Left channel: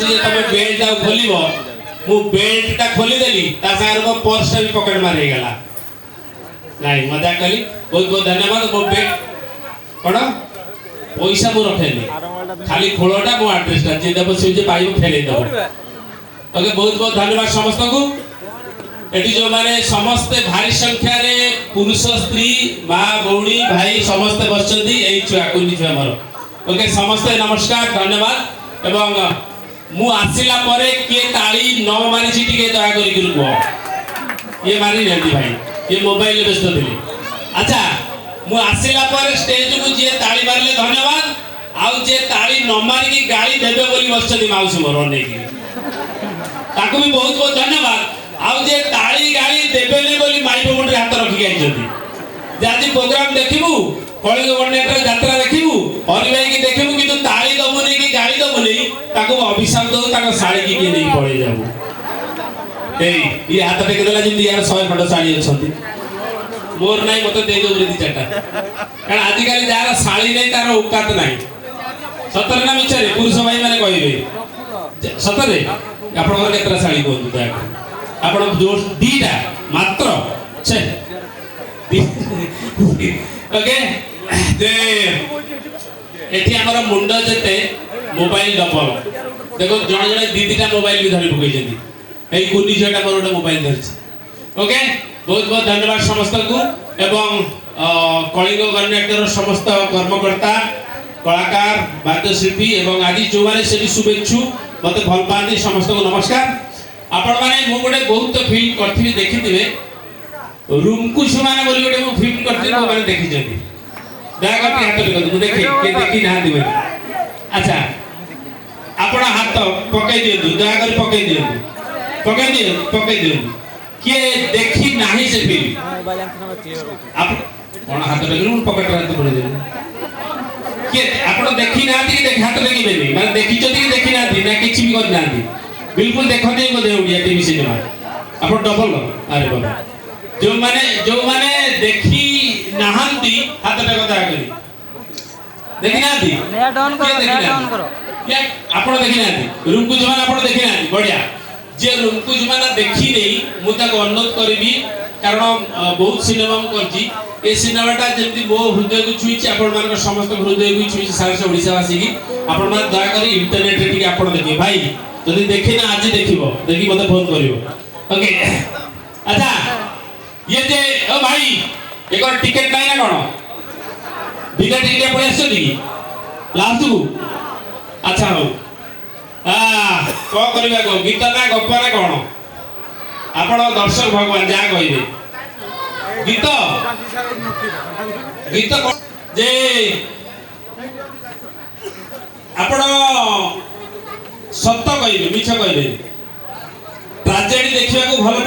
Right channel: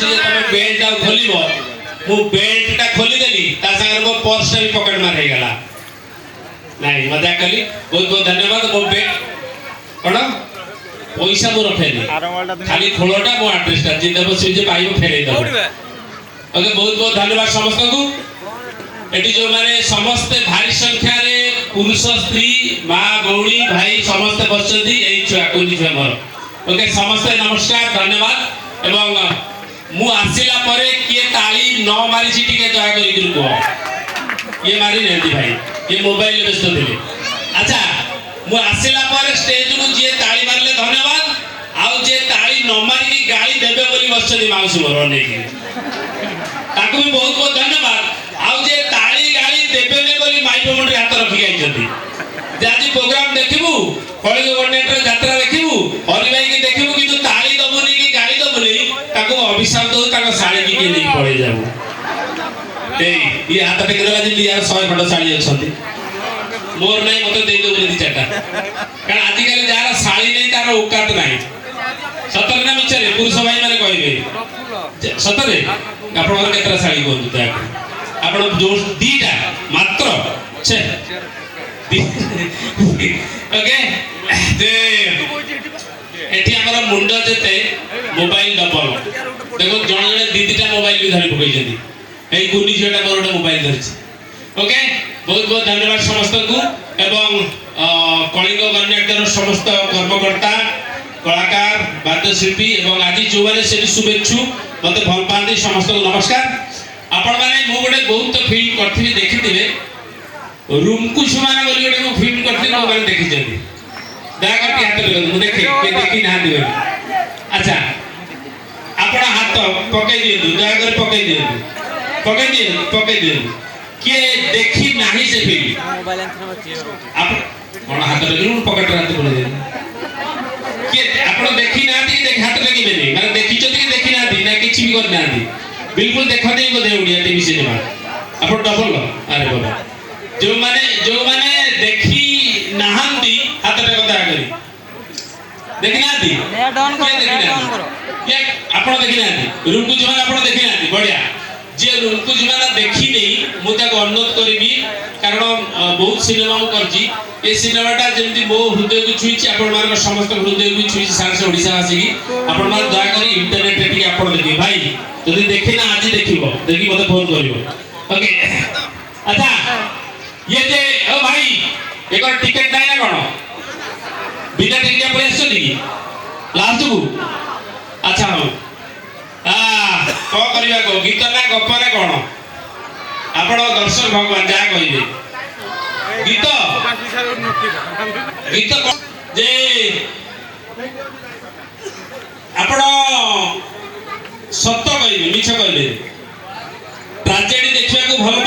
ଅଛି ଯେ ତମେ ବେଲ୍ଟ ଆଉ ଖୋଲିବ ମୁଁ ବେଲ୍ଟ ଟା ଖୋଲି ଦେଲି ତା ସାଙ୍ଗରେ ମୋ पर्स टा भी पॉकेट मार हे गला नहीं मजाक कली बहुत बहुत धन्यवाद मो बेल्ट कौन पैसा मो रखेनी खाली खोलटा मो एड्रेस टा जे देबो से जे पाइबो फेरै देबो ओके बहुत बहुत धन्यवाद समस्त को एटी जो माने समस्त भारी संख्या रे पुरुष स्त्री माँ भौणी भाई समस्त बसचंदी एई छुआ कुनी छुआ मोर ओके समस्त नमस्कार धन्यवाद एवं मु आसिला परे किए ताली न मारी छि टिके दया करी गुरु को ये मारी नंदी भाई ये मोबाइल व्यस्त दिले अच्छा मु आसिला परे स्टेज को जे ताली मारले धन्यवाद आउ जे ताली न मारी की गाली देबे बोली बसचंदी माउस मोर ने की ताको भी बहुत बहुत धन्यवाद आउ जे ताली गाली देबेले बोली माइक मुंडे हाथ रखी आइछंती जे आज प्रोग्राम देखिबू कळी गवर्नमेंट यात्रा देखिबू हरि भाई की देखिबू कि तू ताली दबुनी की गाली दबुनी ताको अभिशाप दो ताको साड़ी की नहीं पड़े जाबू ए ये हाथ टेक देला जे यार 100 खंड साड़ी अछंती मोर नाही मते दे दो बोली चाटा कारण आज काली जार साड़ी नहीं तार औकात नाही सतरे ना मिचरे पुरुष भाई माने कहिबे सतरे आपण केतरा साड़ी कोन दया आपण जोर दीटा मात्र छे ओके जे एठी हमर मुंडा जेते मोबाइल डबल देखो जण जण दीदीटा मोबाइल भी धरि पकई जदी एई कुनी जेटा मोर ओटा मोबाइल धरछि ओके बहुत बहुत धन्यवाद समस्त को एवं कलिंग गणनाट्यर समस्त कर्मकर्ता कलाकार वाद्यशिल्पी एवं आदि जो माने से शुभेच्छु मते भल पाती समस्त को नमस्कार आपण माने मु गोटे बहुत फिल्म करथिबे देखिथिबे रूमकु सुमाना बोली गोटे मु फिल्म करथिबे मो माने देखि जंदी दया करके हाथ लगा मु देखि के देखि ना दिबे अच्छा आपण हाथ पकई दियु दया कर पकई दियु पकई दियु के देखि नाही से फिल्म आप कोन हाथ लगे मु पकड़ हाथ पड़े दे के आपण देखि ना दी देख हाथ लगी बेनी माने देखि जदी देखि ना दी ना किछि भी कर ना दी बिल्कुल देखा नहीं को दे उड़िया टीवी सिनेमा अपन डबल अरे बाबा जो माने देखी नहांती हाथ पे कथा करी देखि ना दी के देखि ना क्या आपण देखि ना दी रूम को जमाना आपण देखि ना दी बढ़िया जे रूम को जमाना देखि नहीं मु ता अनुरोध करबी कारण बहुत सिनेमा करजी ए सिनेमाटा जेंति मो हृदय को छुईची आपण मान समस्त हृदय को छुईची सारा ओडिसा वासी की आपण मान दया करी इंटरनेट रे टिके आपण देखि भाई जदि देखि ना आज देखिबो देखि मते फोन करिवो ओके अच्छा ये जे ओ भाई एकर टिकट नाही ना कोन बिना टिकट पर आछली लास्ट को अच्छा हो तो करिबा को गीत ना गप ना कोन आपण दर्शक भगवान जा कहिबे गीत गीत जे आपण सत्य कहिबे मिछ कहिबे ट्रेजेडी देखिबा को भल